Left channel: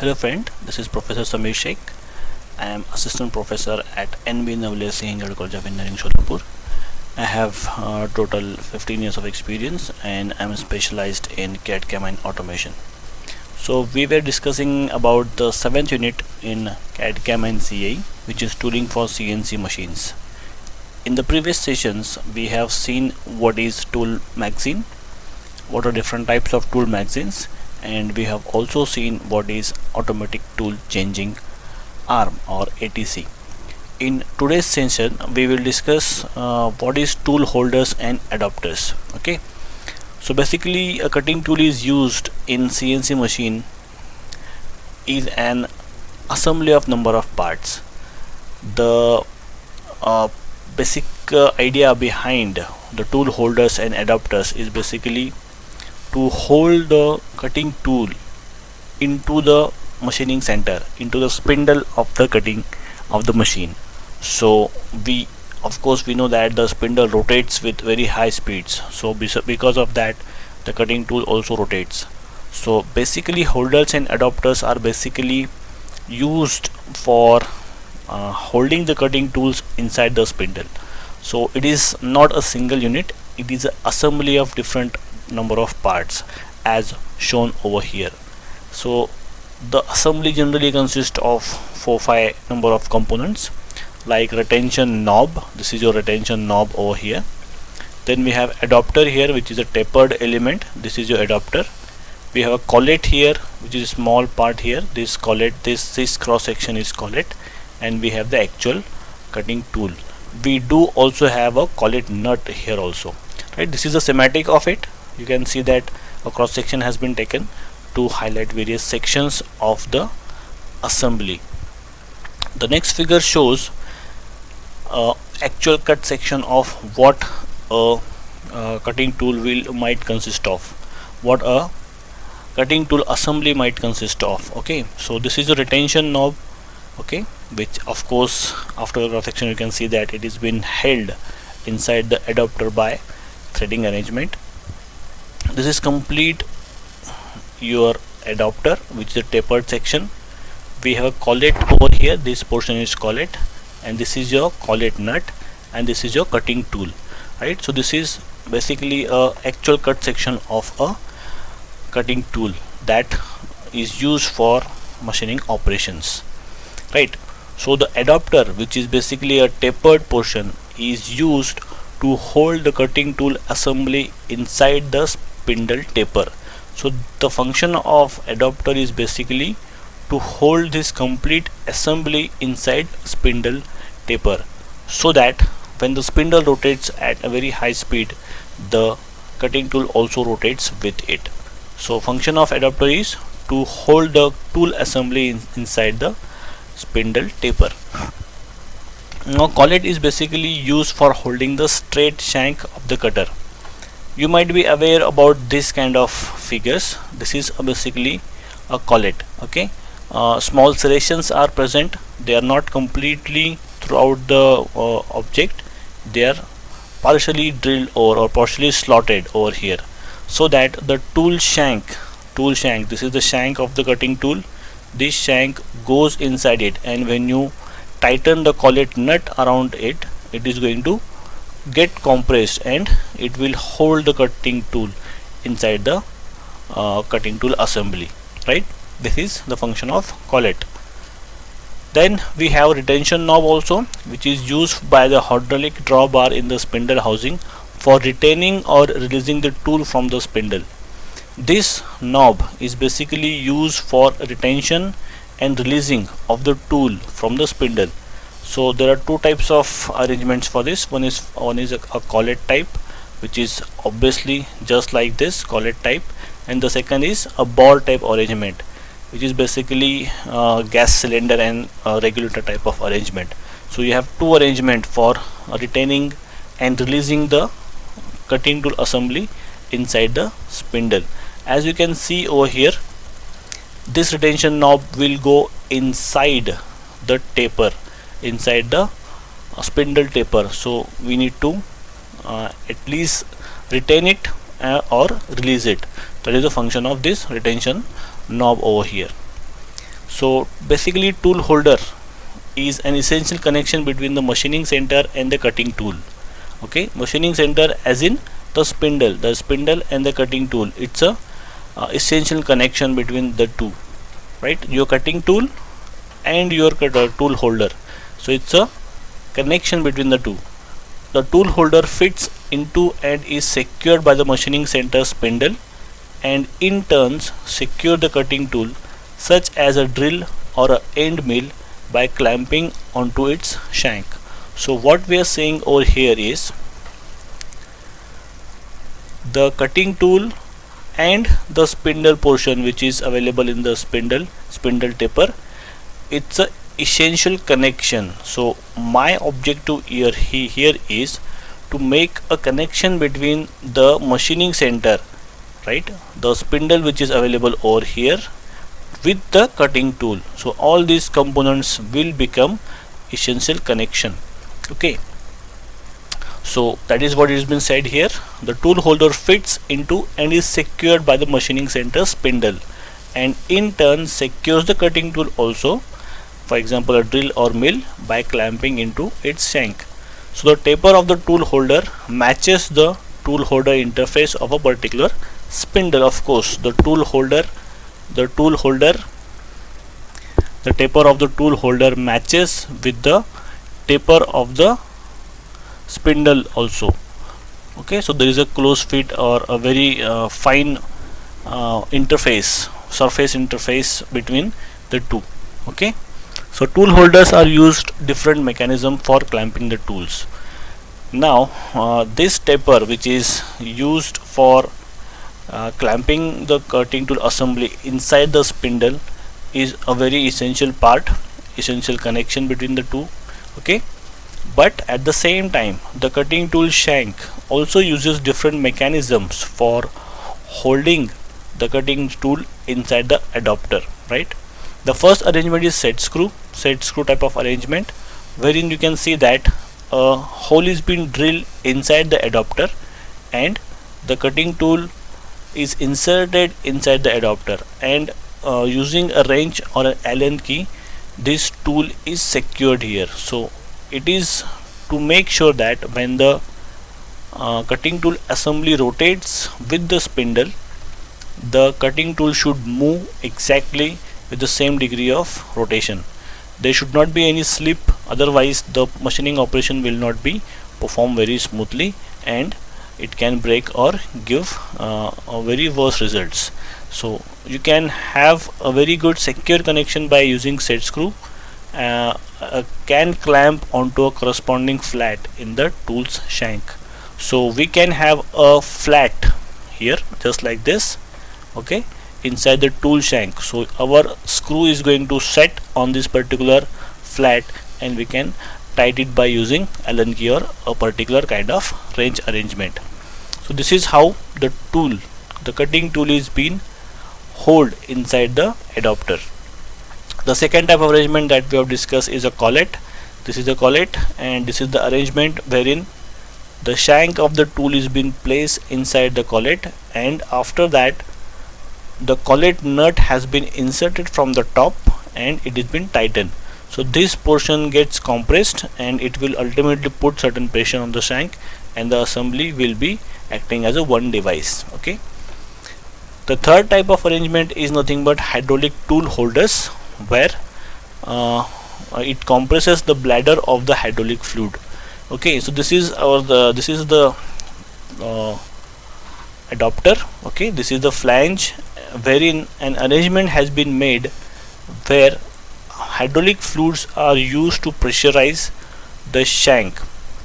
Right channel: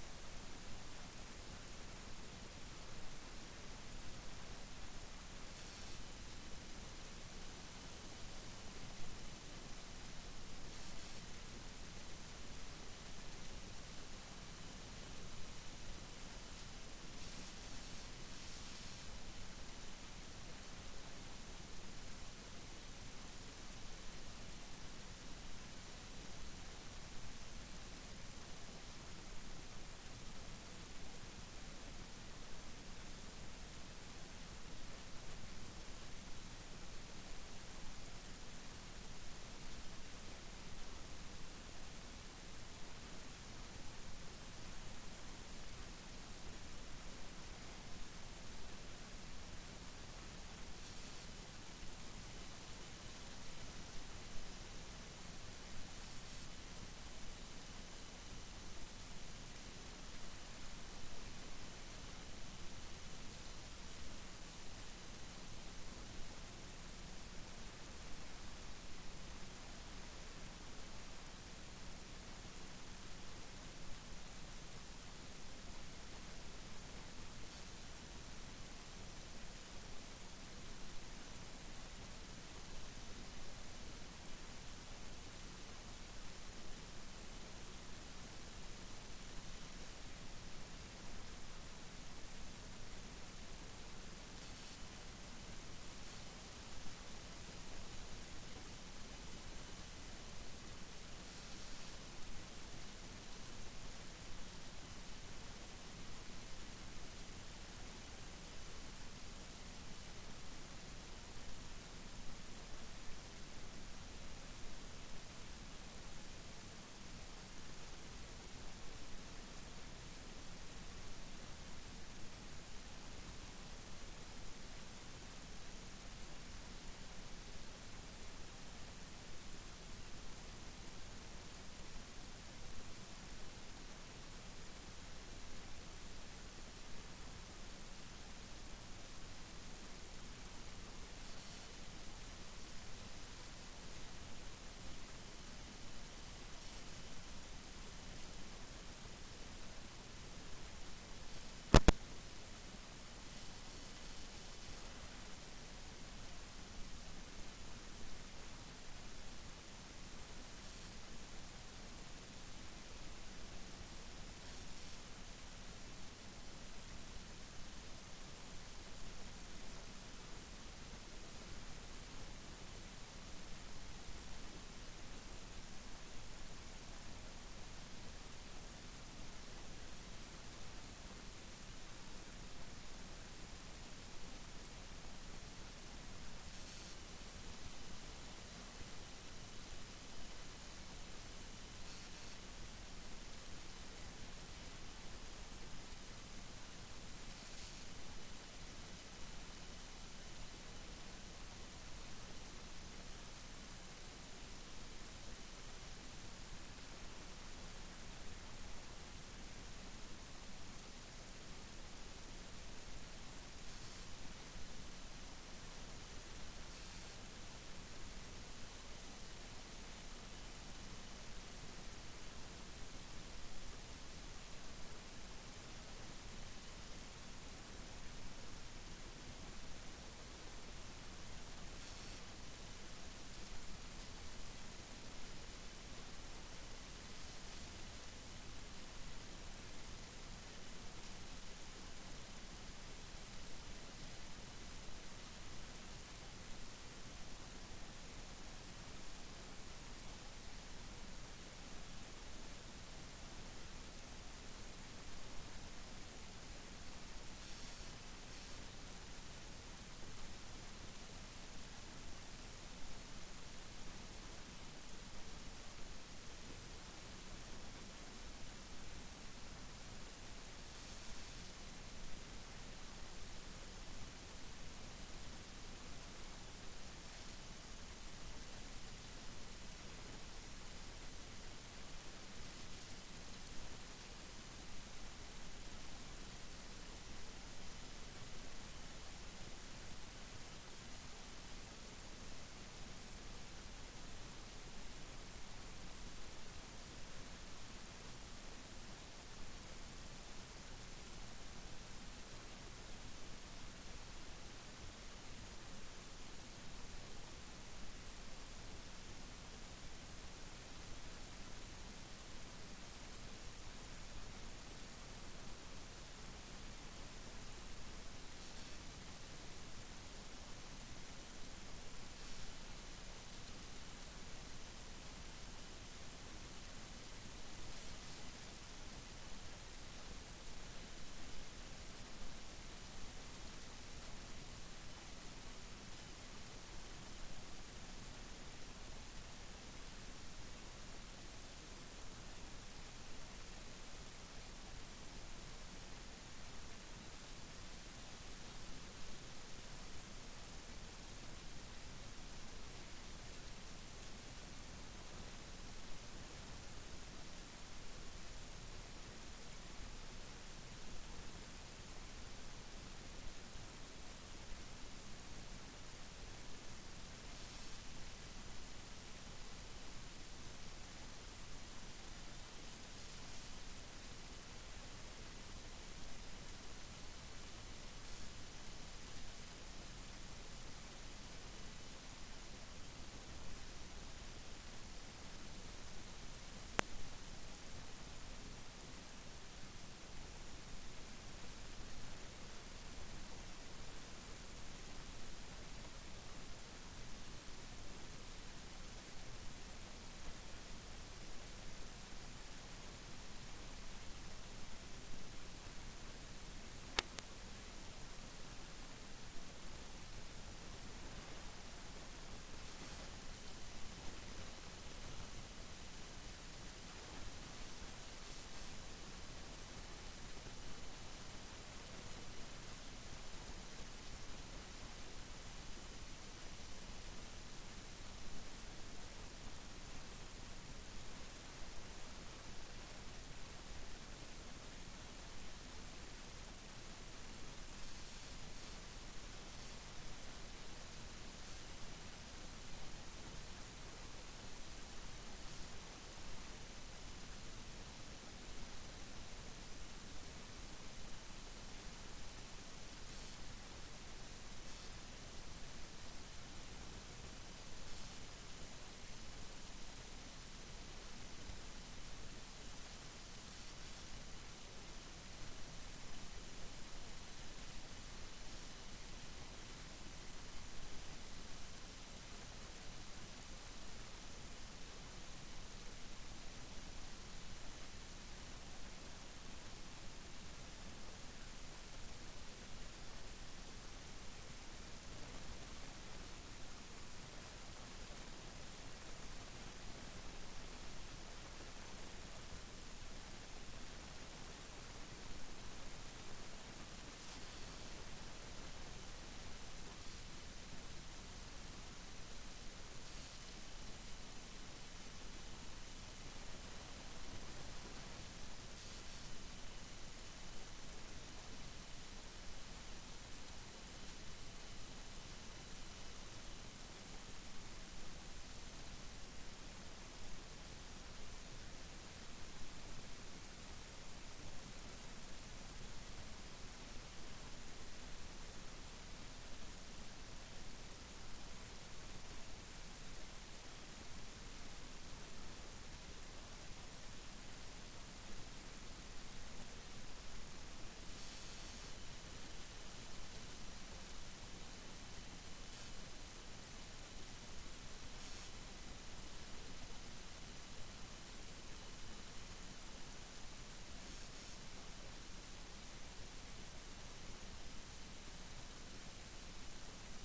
Hello friend, this is Professor Samir Sheikh. I am Assistant Professor at NB Navale Singh College of Engineering, Sholapur. I have total 15 years of experience and I am specialized in CAD CAM and automation. So we were discussing about the 7th unit in CAD CAM and CA, which is tooling for CNC machines. In the previous sessions, we have seen what is tool magazine, what are different types of tool magazines, and we have also seen what is automatic tool changing arm or ATC. In today's session we will discuss what is tool holders and adapters. Okay, so basically a cutting tool is used in CNC machine is an assembly of number of parts. The basic idea behind the tool holders and adapters is basically to hold the cutting tool into the machining center, into the spindle of the cutting of the machine. So we of course we know that the spindle rotates with very high speeds, so because of that the cutting tool also rotates. So basically holders and adapters are basically used for holding the cutting tools inside the spindle. So it is not a single unit, it is an assembly of different number of parts as shown over here. So the assembly generally consists of 4-5 number of components, like retention knob. This is your retention knob over here. Then we have adapter here, which is a tapered element. This is your adapter. We have a collet here, which is a small part here. This collet, this cross section is collet, and we have the actual cutting tool. We do also have a collet nut here also, right? This is the schematic of it. You can see that a cross section has been taken to highlight various sections of the assembly. The next figure shows actual cut section of what a cutting tool might consist of, what a cutting tool assembly might consist of. Okay, so this is a retention knob, okay, which of course after the cross section you can see that it is been held inside the adapter by threading arrangement. This is complete your adapter, which is a tapered section. We have a collet over here, this portion is collet, and this is your collet nut, and this is your cutting tool, right? So this is basically a actual cut section of a cutting tool that is used for machining operations, right? So the adapter, which is basically a tapered portion, is used to hold the cutting tool assembly inside the spindle taper. So the function of adapter is basically to hold this complete assembly inside spindle taper, so that when the spindle rotates at a very high speed, the cutting tool also rotates with it. So function of adapter is to hold the tool assembly inside the spindle taper. Now collet is basically used for holding the straight shank of the cutter. You might be aware about this kind of figures. This is basically a collet. Okay, small serrations are present. They are not completely throughout the object. They are partially drilled or partially slotted over here, so that the tool shank, this is the shank of the cutting tool, this shank goes inside it, and when you tighten the collet nut around it, it is going to get compressed and it will hold the cutting tool inside the cutting tool assembly, right? This is the function of collet. Then we have retention knob also, which is used by the hydraulic drawbar in the spindle housing for retaining or releasing the tool from the spindle. This knob is basically used for retention and releasing of the tool from the spindle. So there are two types of arrangements for this. One is a collet type, which is obviously just like this collet type, and the second is a ball type arrangement, which is basically gas cylinder and regulator type of arrangement. So you have two arrangement for retaining and releasing the cutting tool assembly inside the spindle. As you can see over here, this retention knob will go inside the taper, inside the spindle taper. So we need to at least retain it or release it. That is the function of this retention knob over here. So basically tool holder is an essential connection between the machining center and the cutting tool. Okay, machining center as in the spindle and the cutting tool. It's a essential connection between the two, right? Your cutting tool and your tool holder. So it's a connection between the two. The tool holder fits into and is secured by the machining center spindle, and in turns secure the cutting tool such as a drill or a end mill by clamping onto its shank. So what we are saying over here is the cutting tool and the spindle portion which is available in the spindle taper, it's a essential connection. So my objective here is to make a connection between the machining center, right, the spindle which is available over here, with the cutting tool. So all these components will become essential connection. Okay, so that is what has been said here. The tool holder fits into and is secured by the machining center spindle, and in turn secures the cutting tool also, for example a drill or mill, by clamping into its shank. So the taper of the tool holder matches the tool holder interface of a particular spindle. Of course, the taper of the tool holder matches with the taper of the spindle also. Okay, so there is a close fit or a very fine surface interface between the two. Okay, so tool holders are used different mechanism for clamping the tools. Now this taper which is used for clamping the cutting tool assembly inside the spindle is a very essential connection between the two. Okay, but at the same time the cutting tool shank also uses different mechanisms for holding the cutting tool inside the adapter, right? The first arrangement is set screw type of arrangement, wherein you can see that a hole is being drilled inside the adapter and the cutting tool is inserted inside the adapter, and using a wrench or an Allen key this tool is secured here. So it is to make sure that when the cutting tool assembly rotates with the spindle, the cutting tool should move exactly with the same degree of rotation. There should not be any slip, otherwise the machining operation will not be performed very smoothly and it can break or give very worse results. So you can have a very good secure connection by using set screw, can clamp onto a corresponding flat in the tool's shank. So we can have a flat here just like this, okay, inside the tool shank. So our screw is going to set on this particular flat and we can tight it by using Allen key or a particular kind of wrench arrangement. So this is how the cutting tool is being hold inside the adapter. The second type of arrangement that we have discussed is a collet. This is a collet, and this is the arrangement wherein the shank of the tool is being placed inside the collet, and after that the collet nut has been inserted from the top and it has been tightened. So this portion gets compressed and it will ultimately put certain pressure on the shank, and the assembly will be acting as a one device. Okay. The third type of arrangement is nothing but hydraulic tool holders, where it compresses the bladder of the hydraulic fluid. Okay, so this is the adapter. Okay, this is the flange wherein an arrangement has been made where hydraulic fluids are used to pressurize the shank.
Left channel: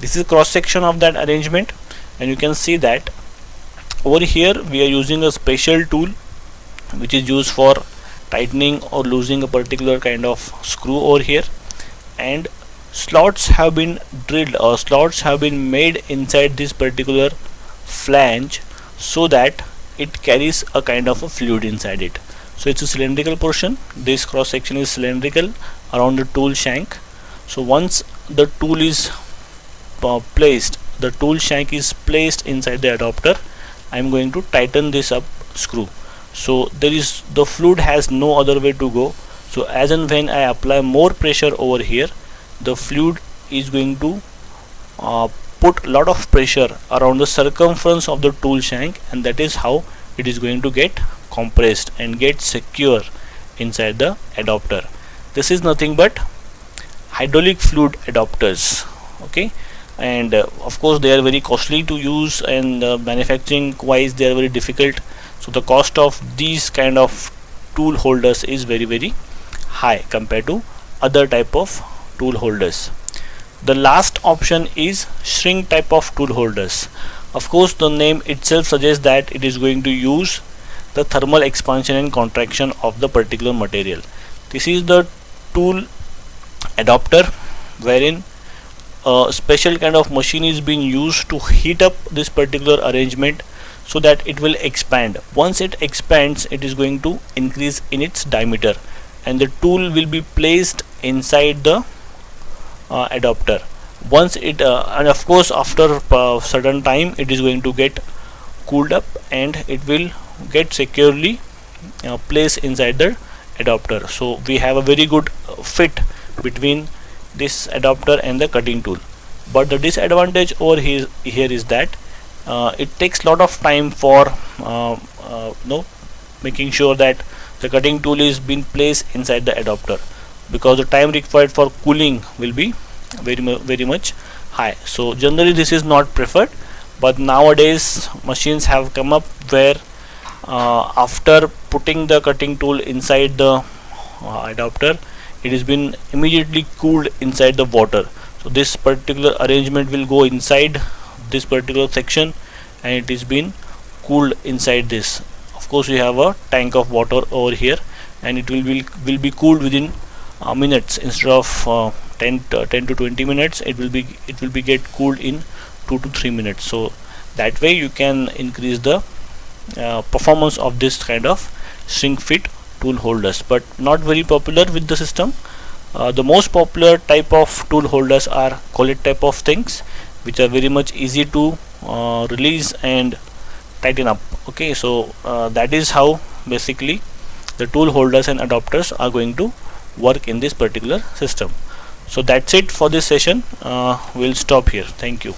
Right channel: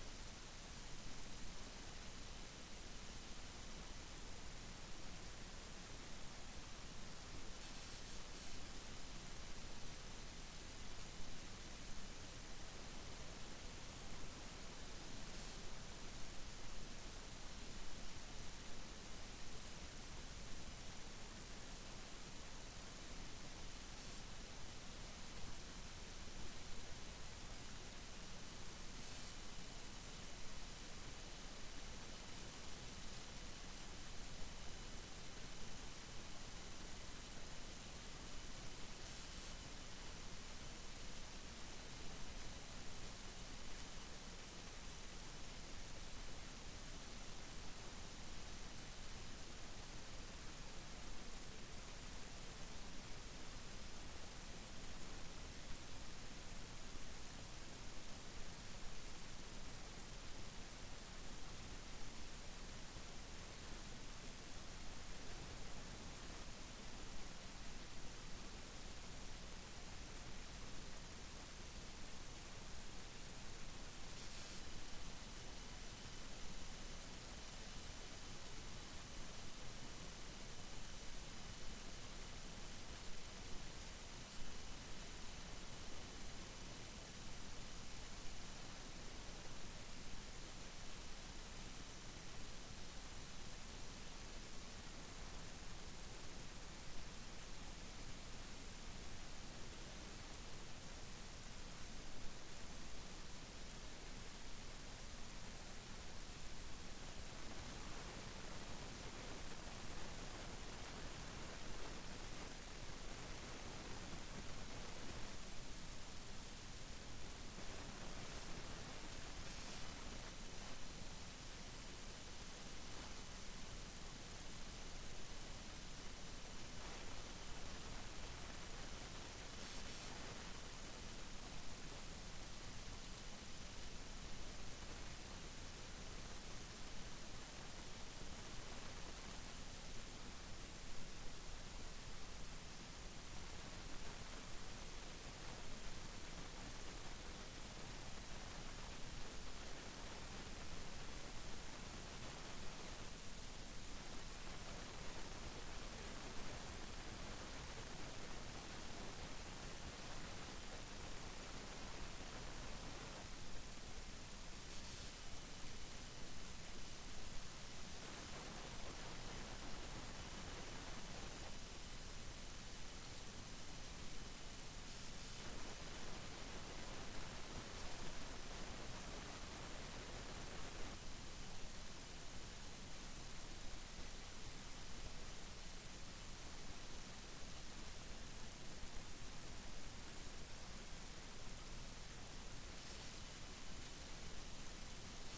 This is cross section of that arrangement, and you can see that over here we are using a special tool which is used for tightening or loosening a particular kind of screw over here, and slots have been drilled or slots have been made inside this particular flange so that it carries a kind of a fluid inside it. So it's a cylindrical portion. This cross section is cylindrical around the tool shank. So once the tool is placed, the tool shank is placed inside the adapter, I am going to tighten this up screw. So the fluid has no other way to go So as and when I apply more pressure over here, the fluid is going to put a lot of pressure around the circumference of the tool shank, and that is how it is going to get compressed and get secure inside the adapter. This is nothing but hydraulic fluid adapters. Okay, and of course they are very costly to use, and manufacturing wise they are very difficult. So the cost of these kind of tool holders is very high compared to other type of tool holders. The last option is shrink type of tool holders. Of course the name itself suggests that it is going to use the thermal expansion and contraction of the particular material. This is the tool adapter wherein a special kind of machine is being used to heat up this particular arrangement so that it will expand. Once it expands, it is going to increase in its diameter, and the tool will be placed inside the adapter. Once it and of course after certain time it is going to get cooled up and it will get securely placed inside the adapter. So we have a very good fit between this adapter and the cutting tool. But the disadvantage over here is that it takes lot of time for making sure that the cutting tool is being placed inside the adapter, because the time required for cooling will be very much high. So generally this is not preferred, but nowadays machines have come up where after putting the cutting tool inside the adapter, it has been immediately cooled inside the water. So this particular arrangement will go inside this particular section and it is been cooled inside this. Of course we have a tank of water over here, and it will be cooled within minutes. Instead of 10 to 20 minutes, it will be get cooled in 2 to 3 minutes. So that way you can increase the performance of this kind of shrink fit tool holders, but not very popular with the system. The most popular type of tool holders are collet type of things, which are very much easy to release and tighten up. Okay, so that is how basically the tool holders and adapters are going to work in this particular system. So that's it for this session. We'll stop here. Thank you.